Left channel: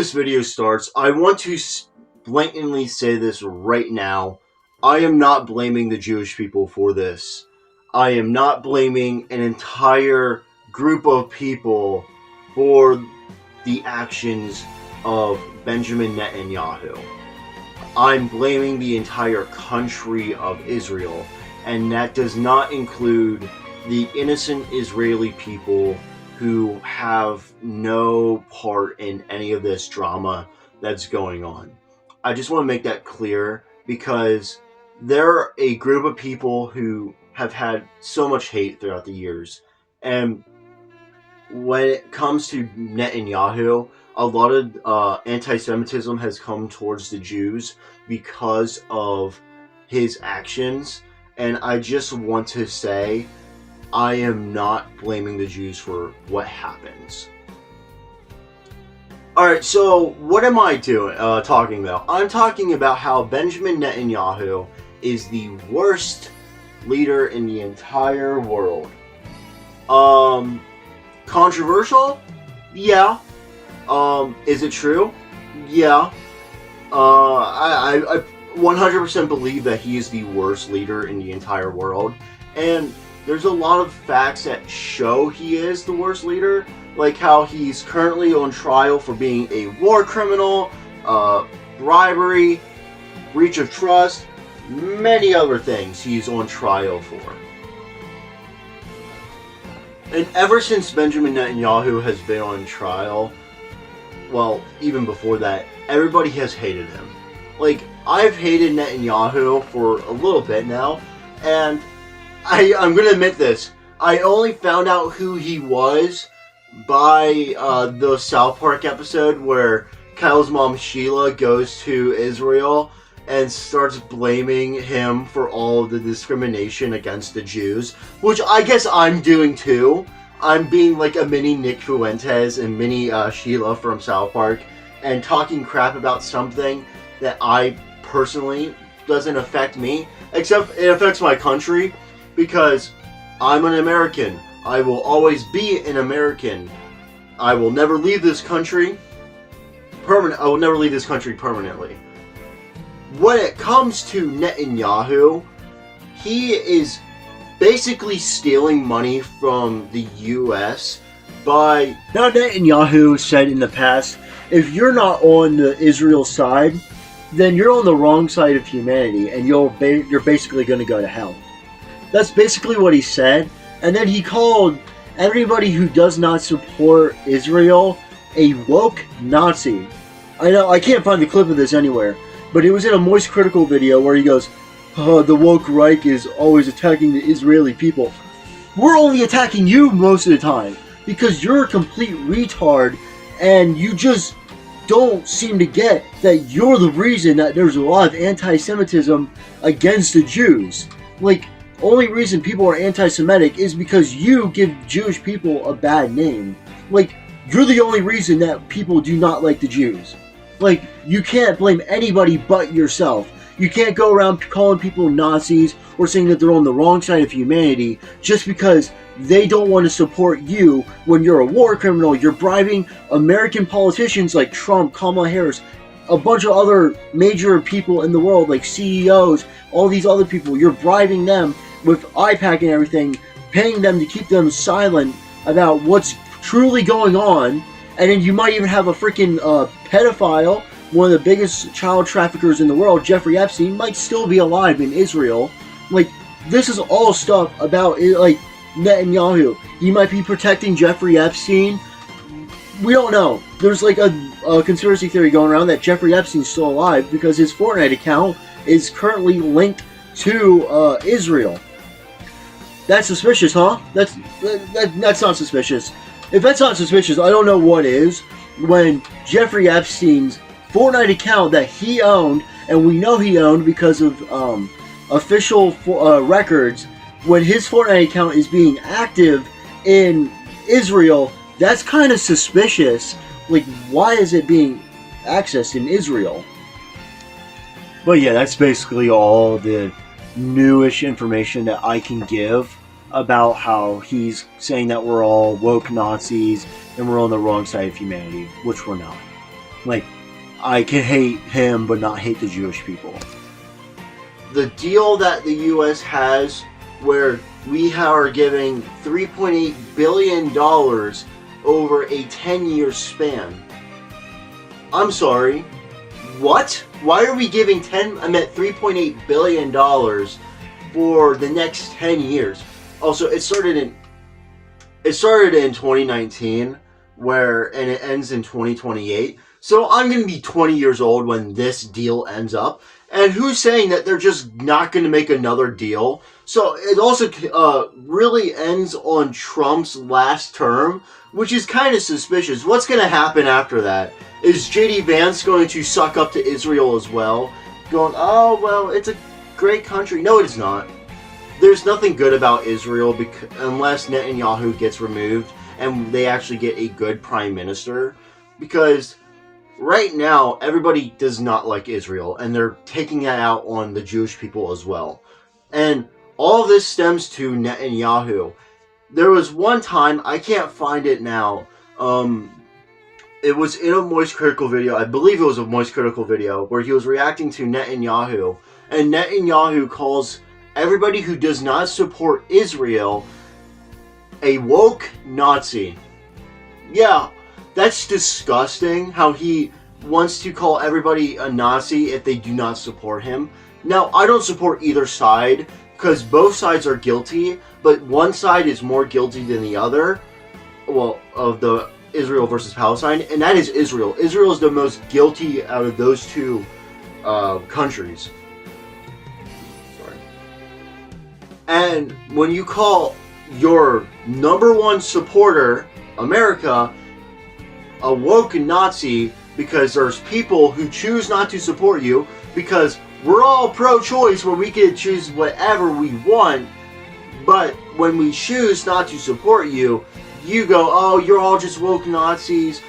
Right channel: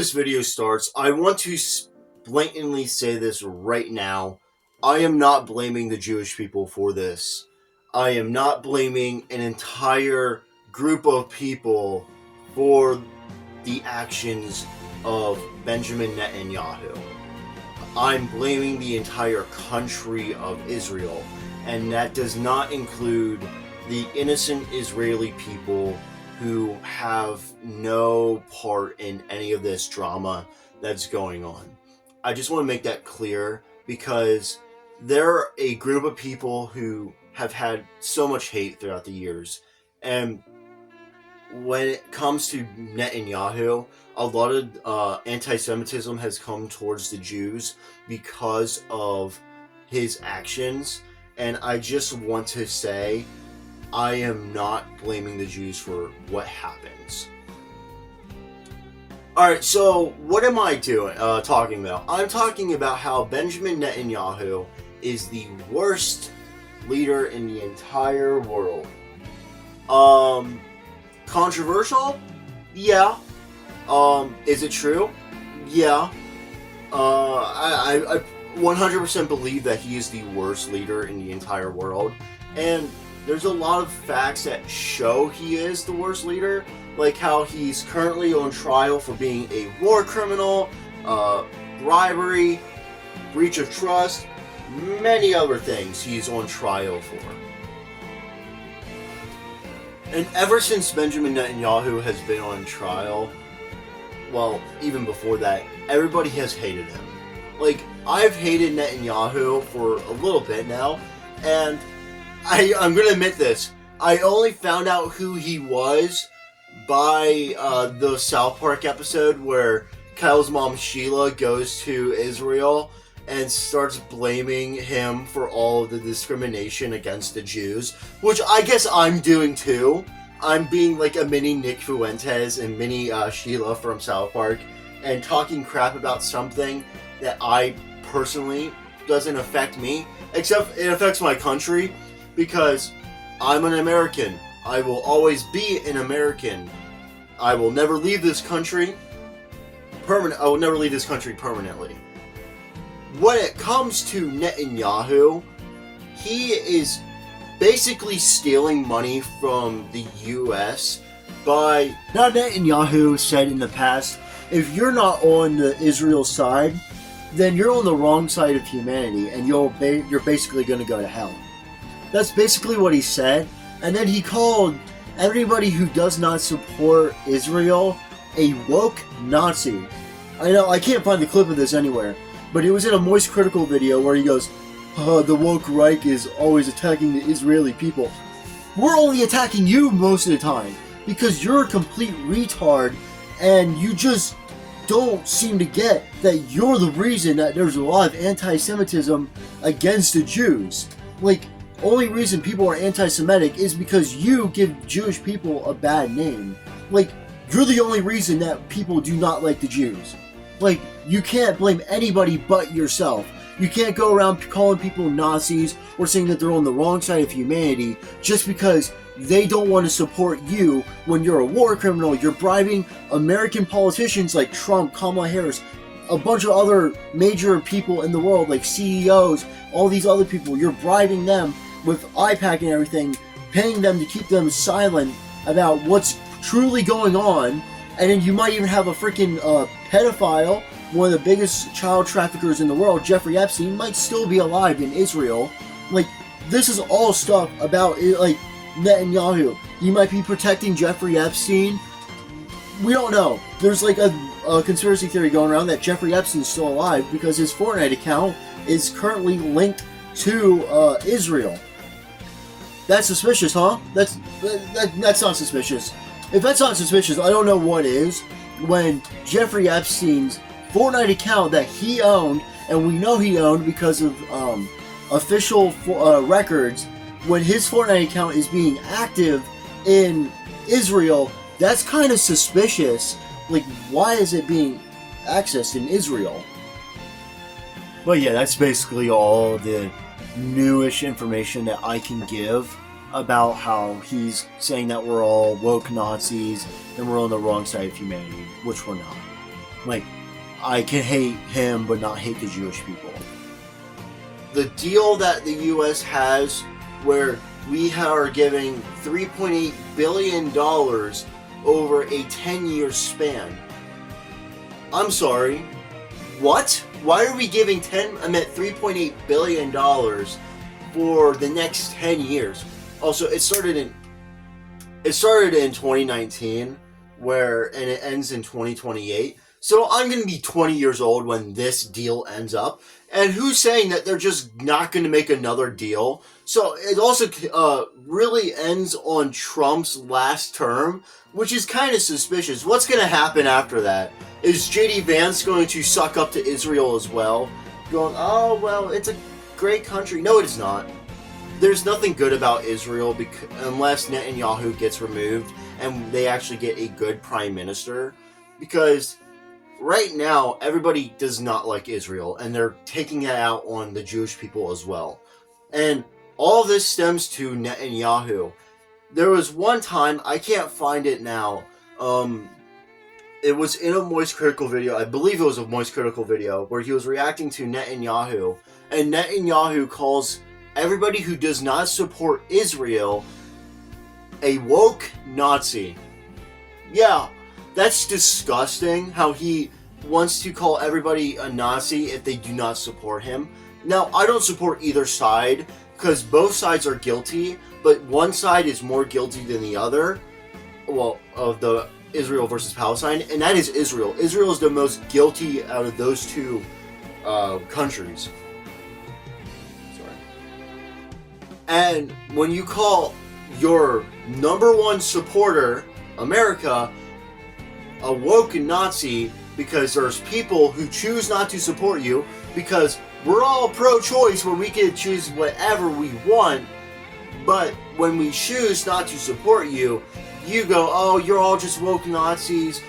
this video starts, I want to blatantly say this right now. I am not blaming the Jewish people for this. I am not blaming an entire group of people for the actions of Benjamin Netanyahu. I'm blaming the entire country of Israel, and that does not include the innocent Israeli people who have no part in any of this drama that's going on. I just want to make that clear because there are a group of people who have had so much hate throughout the years, and when it comes to Netanyahu, a lot of anti-Semitism has come towards the Jews because of his actions, and I just want to say I am not blaming the Jews for what happens. Alright, so what am I talking about? I'm talking about how Benjamin Netanyahu is the worst leader in the entire world. Controversial? Yeah. Is it true? Yeah. I 100% believe that he is the worst leader in the entire world, and there's a lot of facts that show he is the worst leader, like how he's currently on trial for being a war criminal, bribery, breach of trust, many other things he's on trial for. And ever since Benjamin Netanyahu has been on trial, well, even before that, everybody has hated him. Like, I've hated Netanyahu for a little bit now, and I'm gonna admit this. I only found out who he was by the South Park episode where Kyle's mom Sheila goes to Israel and starts blaming him for all of the discrimination against the Jews, which I guess I'm doing too. I'm being like a mini Nick Fuentes and mini Sheila from South Park and talking crap about something that I personally doesn't affect me, except it affects my country because I'm an American. I will always be an American. I will never leave this country I will never leave this country permanently. When it comes to Netanyahu, he is basically stealing money from the U.S. by... Now, Netanyahu said in the past, if you're not on the Israel side, then you're on the wrong side of humanity, and you're basically going to go to hell. That's basically what he said, and then he called everybody who does not support Israel a woke Nazi. I know, I can't find the clip of this anywhere, but it was in a Moist Critical video where he goes, the woke Reich is always attacking the Israeli people. We're only attacking you most of the time, because you're a complete retard, and you just don't seem to get that you're the reason that there's a lot of anti-Semitism against the Jews. Like, only reason people are anti-Semitic is because you give Jewish people a bad name. Like, you're the only reason that people do not like the Jews. Like, you can't blame anybody but yourself. You can't go around calling people Nazis or saying that they're on the wrong side of humanity just because they don't want to support you when you're a war criminal. You're bribing American politicians like Trump, Kamala Harris, a bunch of other major people in the world like CEOs, all these other people. You're bribing them with IPAC and everything, paying them to keep them silent about what's truly going on, and then you might even have a freaking pedophile, one of the biggest child traffickers in the world, Jeffrey Epstein, might still be alive in Israel. Like, this is all stuff about, like, Netanyahu. He might be protecting Jeffrey Epstein. We don't know. There's like a conspiracy theory going around that Jeffrey Epstein's still alive because his Fortnite account is currently linked to Israel. That's suspicious, huh? That's not suspicious. If that's not suspicious, I don't know what is. When Jeffrey Epstein's Fortnite account that he owned, and we know he owned because of official records, when his Fortnite account is being active in Israel, that's kind of suspicious. Like, why is it being accessed in Israel? But yeah, that's basically all the newish information that I can give about how he's saying that we're all woke Nazis and we're on the wrong side of humanity, which we're not. Like, I can hate him but not hate the Jewish people. The deal that the U.S. has, where we are giving $3.8 billion over a 10-year span. I'm sorry, what? Why are we giving $3.8 billion for the next 10 years? Also, it started in 2019, and it ends in 2028. So I'm going to be 20 years old when this deal ends up. And who's saying that they're just not going to make another deal? So it also really ends on Trump's last term, which is kind of suspicious. What's going to happen after that? Is J.D. Vance going to suck up to Israel as well? Going, oh, well, it's a great country. No, it is not. There's nothing good about Israel unless Netanyahu gets removed and they actually get a good prime minister. Because right now, everybody does not like Israel, and they're taking that out on the Jewish people as well. And all this stems to Netanyahu. There was one time, I can't find it now, it was in a Moist Critical video, I believe it was a Moist Critical video, where he was reacting to Netanyahu, and Netanyahu calls everybody who does not support Israel a woke Nazi. Yeah, that's disgusting, how he wants to call everybody a Nazi if they do not support him. Now, I don't support either side, because both sides are guilty, but one side is more guilty than the other, well, of the Israel versus Palestine, and that is Israel. Israel is the most guilty out of those two countries. Sorry. And when you call your number one supporter, America, a woke Nazi, because there's people who choose not to support you, because we're all pro-choice where we can choose whatever we want, but when we choose not to support you, you go, oh, you're all just woke Nazis,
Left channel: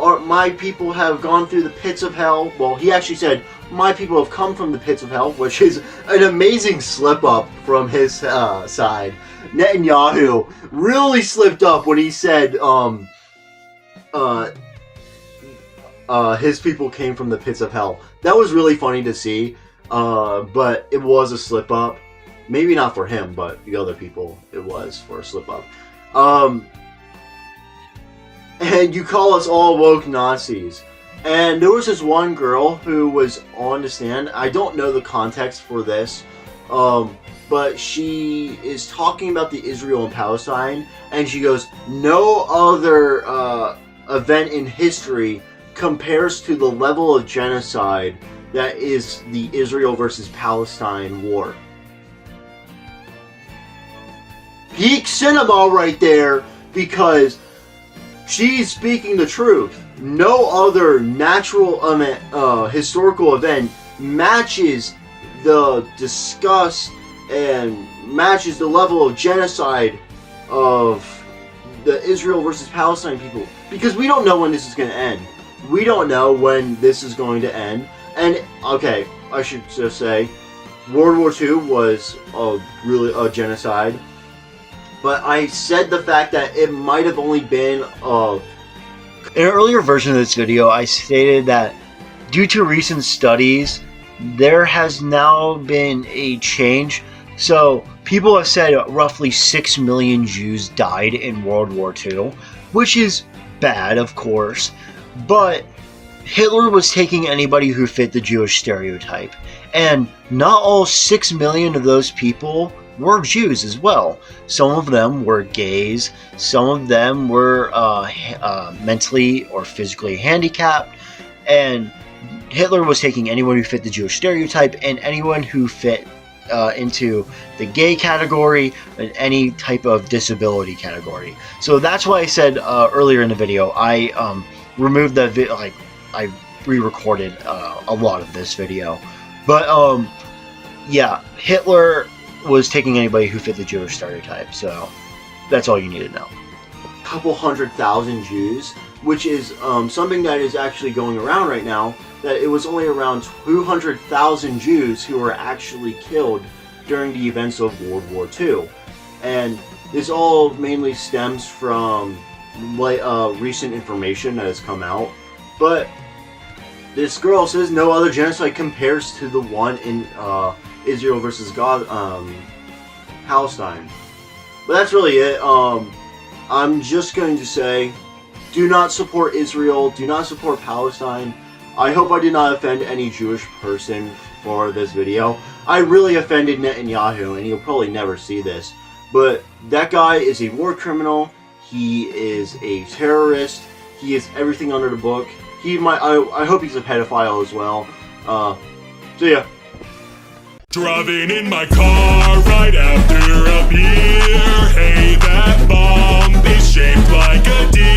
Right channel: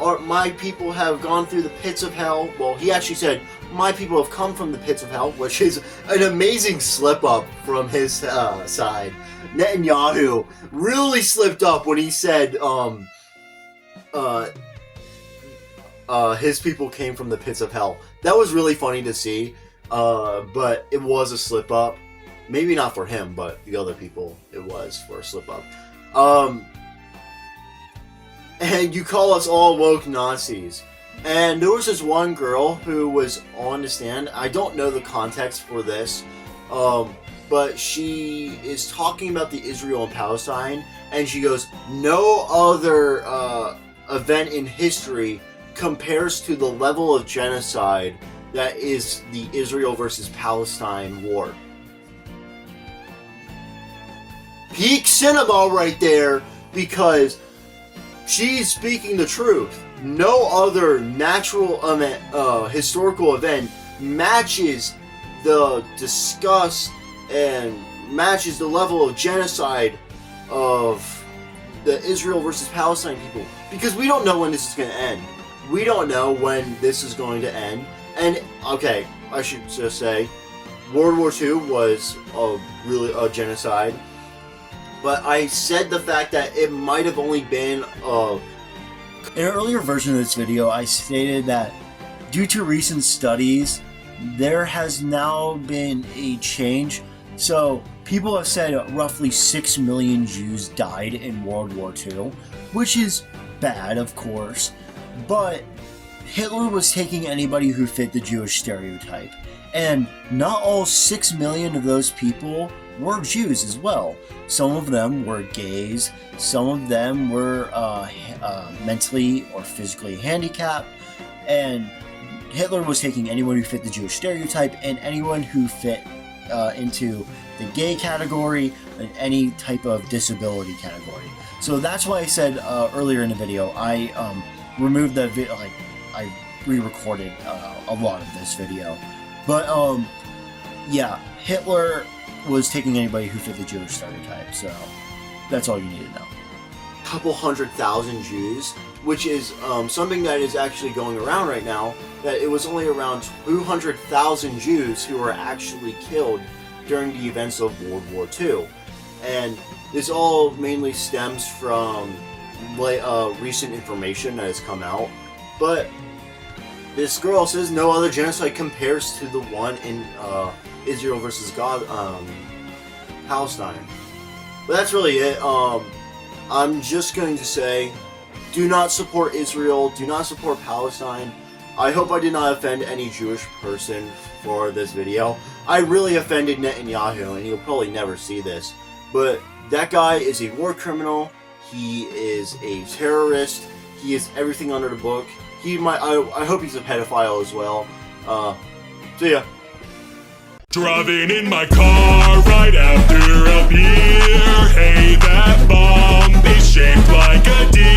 or my people have gone through the pits of hell. Well, he actually said, my people have come from the pits of hell, which is an amazing slip-up from his side. Netanyahu really slipped up when he said, his people came from the pits of hell. That was really funny to see, but it was a slip-up. Maybe not for him, but the other people, it was for a slip-up. And you call us all woke Nazis. And there was this one girl who was on the stand. I don't know the context for this, but she is talking about the Israel and Palestine, and she goes, no other event in history compares to the level of genocide that is the Israel versus Palestine war. Peak cinema right there, because she's speaking the truth. No other natural historical event matches the disgust and matches the level of genocide of the Israel versus Palestine people. Because we don't know when this is going to end. We don't know when this is going to end. And, okay, I should just say, World War II was really a genocide. But I said the fact that it might have only been in an earlier version of this video, I stated that due to recent studies, there has now been a change. So people have said roughly 6 million Jews died in World War II, which is bad, of course, but Hitler was taking anybody who fit the Jewish stereotype, and not all 6 million of those people were Jews as well. Some of them were gays, some of them were mentally or physically handicapped, and Hitler was taking anyone who fit the Jewish stereotype and anyone who fit into the gay category and any type of disability category. So that's why I said earlier in the video, I removed that video, I re-recorded a lot of this video. But yeah, Hitler was taking anybody who fit the Jewish stereotype, so that's all you need to know. A couple 100,000 Jews, which is something that is actually going around right now, that it was only around 200,000 Jews who were actually killed during the events of World War II. And this all mainly stems from recent information that has come out. But this girl says no other genocide compares to the one in Israel versus Palestine. But that's really it. I'm just going to say, do not support Israel. Do not support Palestine. I hope I did not offend any Jewish person for this video. I really offended Netanyahu, and he'll probably never see this. But that guy is a war criminal. He is a terrorist. He is everything under the book. I hope he's a pedophile as well. So yeah. Driving in my car right after a beer. Hey, that bomb is shaped like a deer.